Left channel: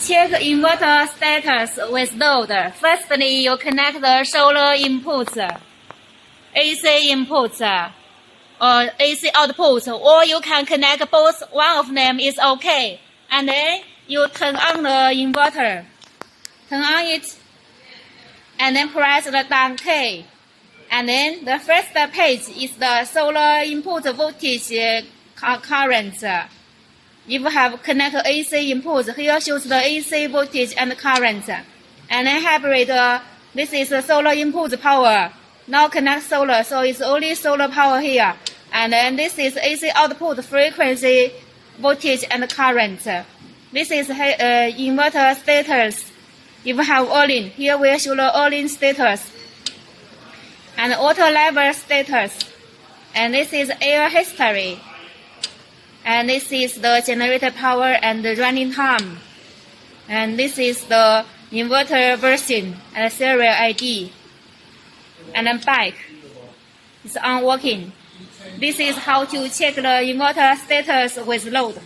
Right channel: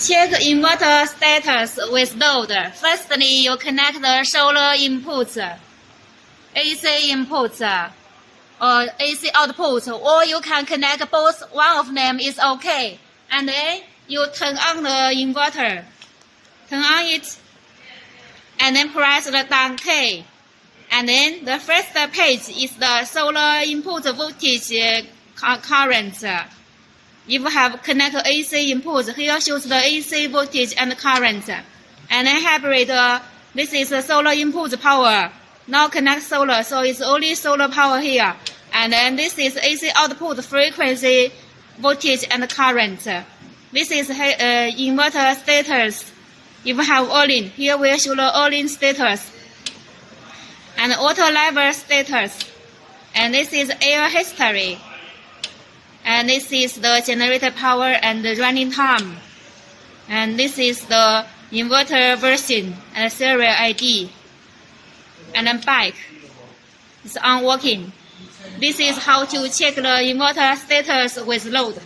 Check inverter status with load. Firstly, you connect the solar inputs, AC inputs, or AC output, or you can connect both. One of them is okay. And then you turn on the inverter. Turn on it. And then press the down key. And then the first page is the solar input voltage current. If you have connected AC inputs, here shows the AC voltage and current. And then hybrid, this is the solar input power. Now connect solar, so it's only solar power here. And then this is AC output frequency, voltage and current. This is inverter status. If you have all-in, here we show the all-in status. And auto level status. And this is air history. And this is the generator power and the running time. And this is the inverter version and serial ID. And then back. It's on working. This is how to check the inverter status with load.